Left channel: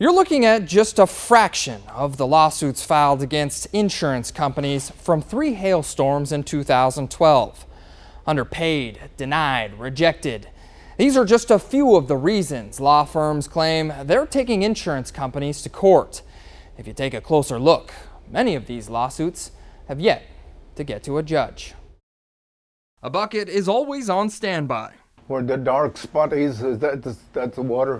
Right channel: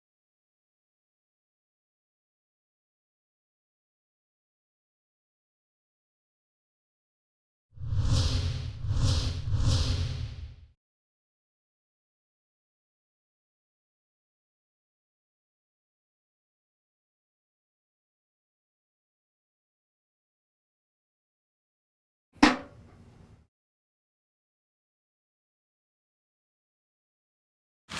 You're looking at just a fraction of the lawsuits filed against insurance companies from 3 hailstorms in 2012. Underpaid, denied, rejected. These are just a few of the reasons law firms claim they're taking insurance companies to court. If you take a closer look, many of these lawsuits have yet to get to a judge. A bucket is always on standby. Where the dark spot is that's the water.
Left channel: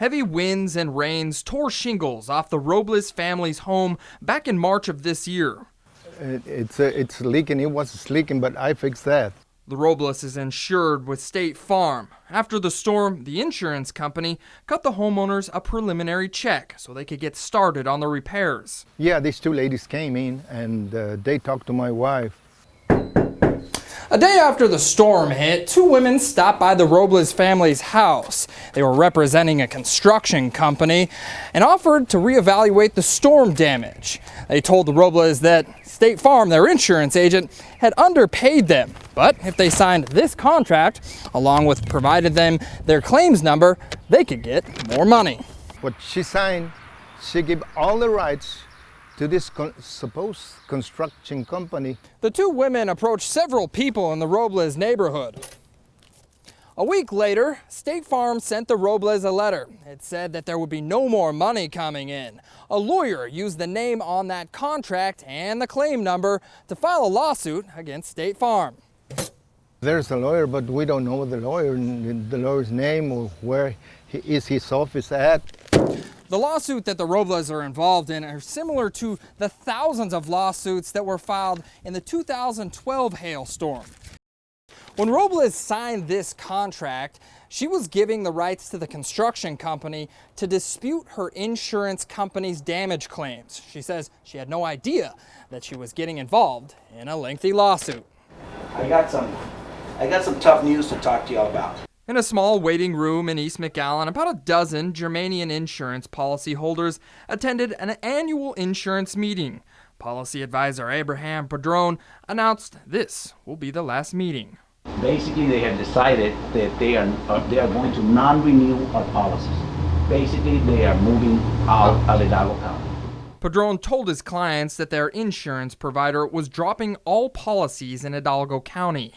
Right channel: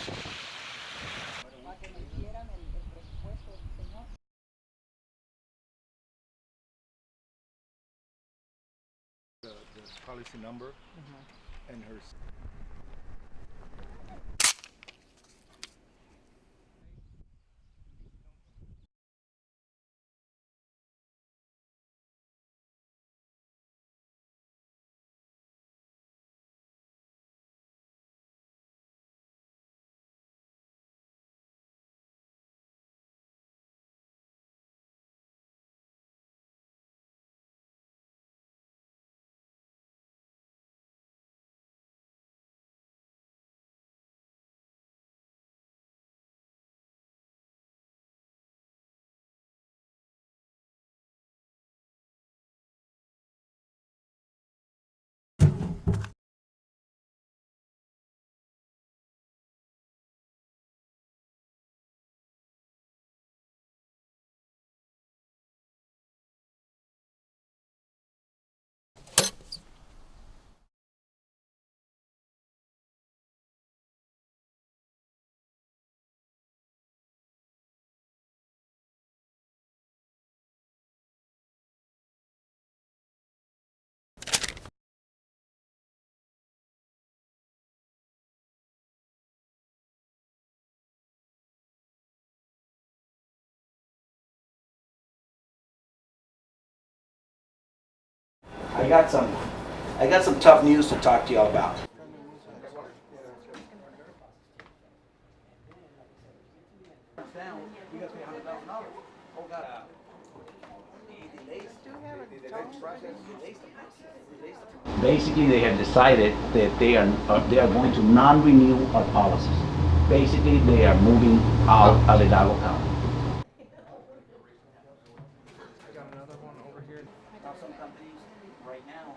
Heavy winds and rains tore shingles off the Robles family's home back in March of this year. It's leaking. It was leaking, but I fixed that. The Robles is insured with State Farm. After the storm, the insurance company cut the homeowners a preliminary check so they could get started on the repairs. Yeah, these 2 ladies came in and they talked to my wife. A day after the storm hit, 2 women stopped by the Robles family's house. They were representing a construction company and offered to reevaluate the storm damage. They told the Robles that State Farm, their insurance agent, had underpaid them. But if they signed this contract, along with provided them their claims number, they could get more money. What she signed, she gave all the rights to this supposed construction company. The 2 women approached several people in the Robles neighborhood. A week later, State Farm sent the Robles a letter. It said that there would be no more money coming in. A lawyer used the name on that contract and the claim number to file a lawsuit against State Farm. There's a lawyer, but we don't know the lawyer's name or where is his office at. The lawsuit that the Robles are involved in are similar to the thousands of lawsuits that were filed in the 2012 hailstorm. When Robles signed this contract, she was giving the rights to the construction company to dispute her insurance company's damage claims. She says she had no idea that she was getting involved in a lengthy lawsuit. I got some tough news to talk to y'all about. In a small waiting room in East McAllen, about a dozen Germanian insurance policyholders attended an annual insurance meeting. Policy advisor Abraham Padron announced this will be the last meeting. Basically, they have decided that they are going to non-renew our policies. Basically, they are moving out of Hidalgo County. Padron told his clients that their insurance provider was dropping all policies in Hidalgo County.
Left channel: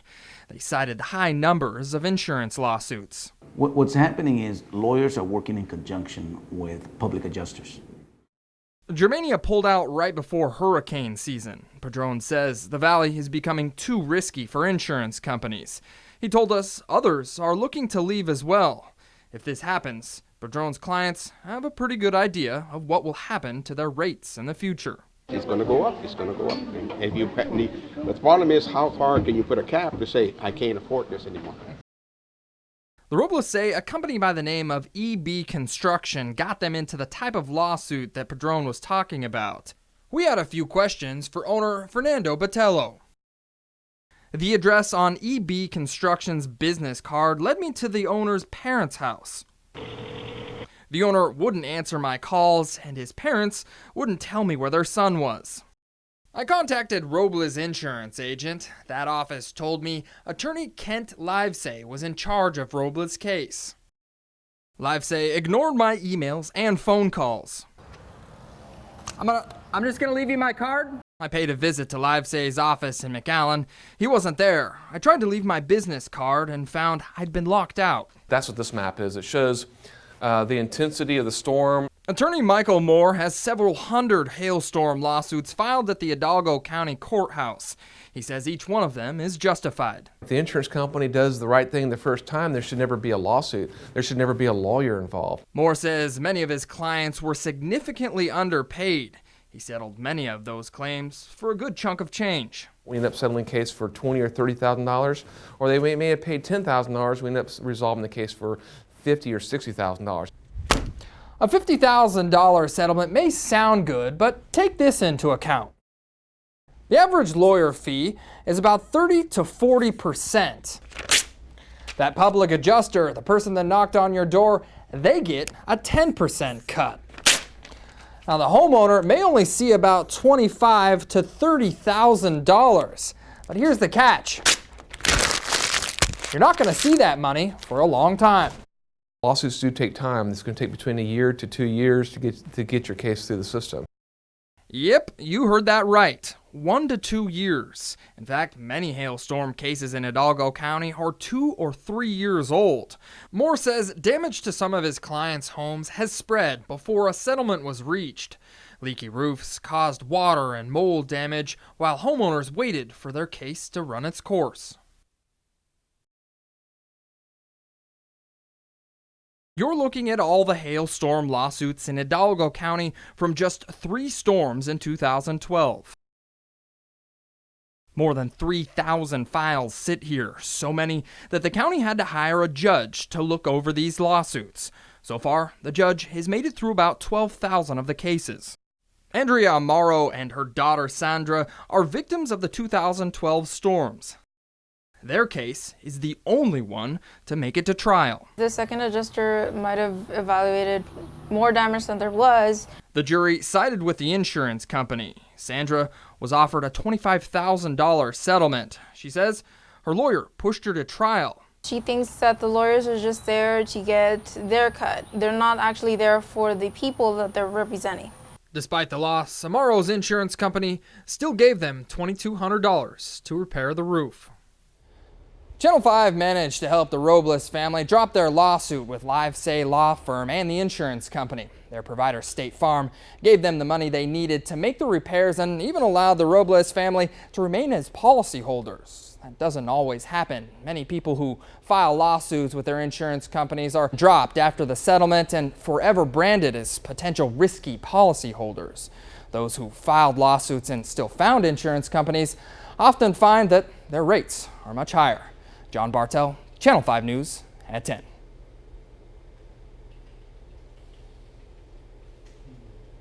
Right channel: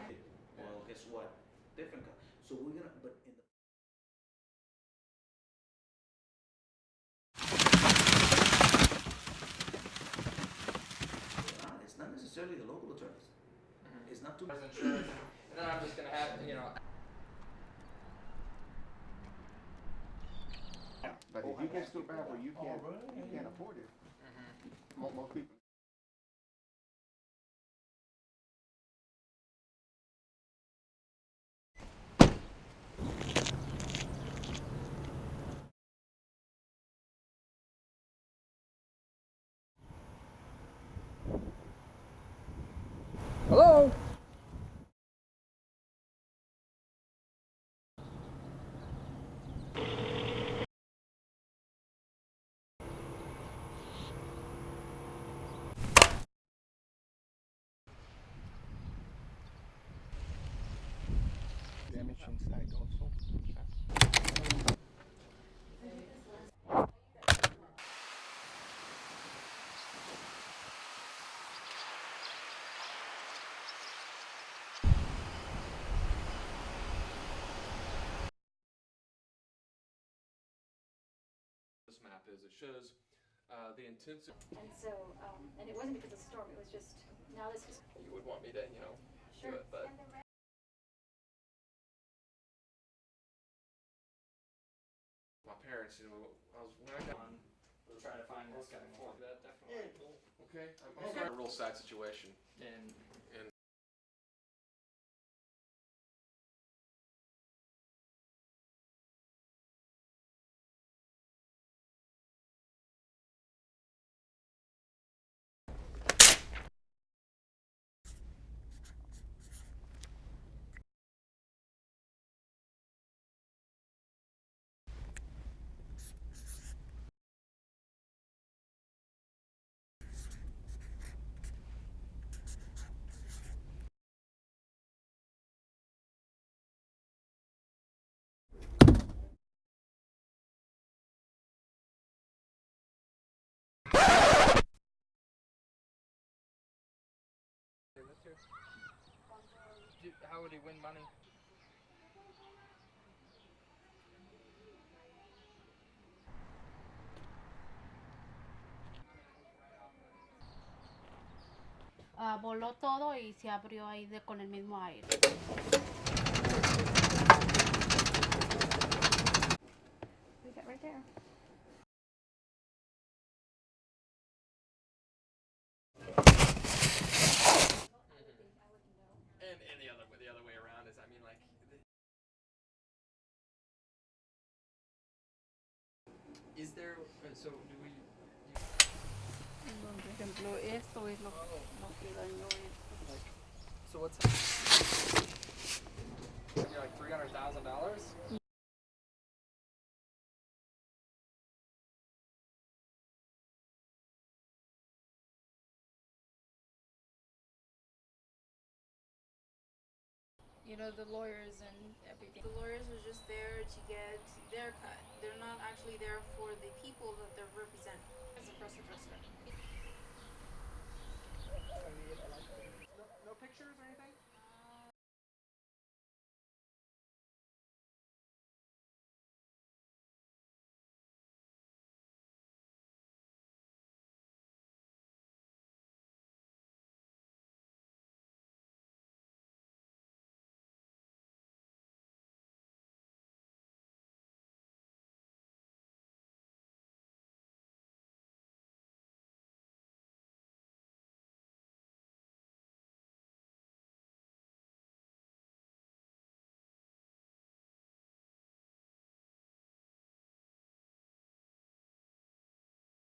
They cited high numbers of insurance lawsuits. What's happening is lawyers are working in conjunction with public adjusters. Germania pulled out right before hurricane season. Padron says the valley is becoming too risky for insurance companies. He told us others are looking to leave as well. If this happens, Padron's clients have a pretty good idea of what will happen to their rates in the future. It's going to go up. It's going to go up. And the problem is, how far can you put a cap to say, I can't afford this anymore? The Robles say a company by the name of EB Construction got them into the type of lawsuit that Padron was talking about. We had a few questions for owner Fernando Botello. Hello? The address on EB Construction's business card led me to the owner's parents' house. The owner wouldn't answer my calls, and his parents wouldn't tell me where their son was. I contacted Robles' insurance agent. That office told me attorney Kent Livesay was in charge of Robles' case. Livesay ignored my emails and phone calls. I'm just gonna leave you my card. I paid a visit to Livesay's office in McAllen. He wasn't there. I tried to leave my business card and found I'd been locked out. That's what this map is. It shows the intensity of the storm. Attorney Michael Moore has several hundred hailstorm lawsuits filed at the Hidalgo County Courthouse. He says each one of them is justified. If the insurance company does the right thing the first time, there should never be a lawsuit. There should never be a lawyer involved. Moore says many of his clients were significantly underpaid. He settled many of those claims for a good chunk of change. We end up settling a case for $20,000 or $30,000, or they may have paid $10,000. We end up resolving the case for $50,000 or $60,000. A $50,000 settlement may sound good, but take this into account. The average lawyer fee is about 30 to 40%. That public adjuster, the person that knocked on your door, they get a 10% cut. Now the homeowner may only see about $25,000 to $30,000, but here's the catch. You're not going to see that money for a long time. Lawsuits do take time. It's going to take between a year to 2 years to get your case through the system. Yep, you heard that right. 1 to 2 years. In fact, many hailstorm cases in Hidalgo County are 2 or 3 years old. Moore says damage to some of his clients' homes has spread before a settlement was reached. Leaky roofs caused water and mold damage while homeowners waited for their case to run its course. You're looking at all the hailstorm lawsuits in Hidalgo County from just 3 storms in 2012. More than 3,000 files sit here, so many that the county had to hire a judge to look over these lawsuits. So far, the judge has made it through about 12,000 of the cases. Andrea Amaro and her daughter Sandra are victims of the 2012 storms. Their case is the only one to make it to trial. The second adjuster might have evaluated more damage than there was. The jury sided with the insurance company. Sandra was offered a $25,000 settlement. She says her lawyer pushed her to trial. She thinks that the lawyers are just there to get their cut. They're not actually there for the people that they're representing. Despite the loss, Amaro's insurance company still gave them $2,200 to repair the roof. Channel 5 managed to help the Robles family drop their lawsuit with LiveSay Law Firm and the insurance company. Their provider, State Farm, gave them the money they needed to make the repairs and even allowed the Robles family to remain as policyholders. That doesn't always happen. Many people who file lawsuits with their insurance companies are dropped after the settlement and forever branded as potential risky policyholders. Those who filed lawsuits and still found insurance companies often find that their rates are much higher. John Bartel, Channel 5 News at 10.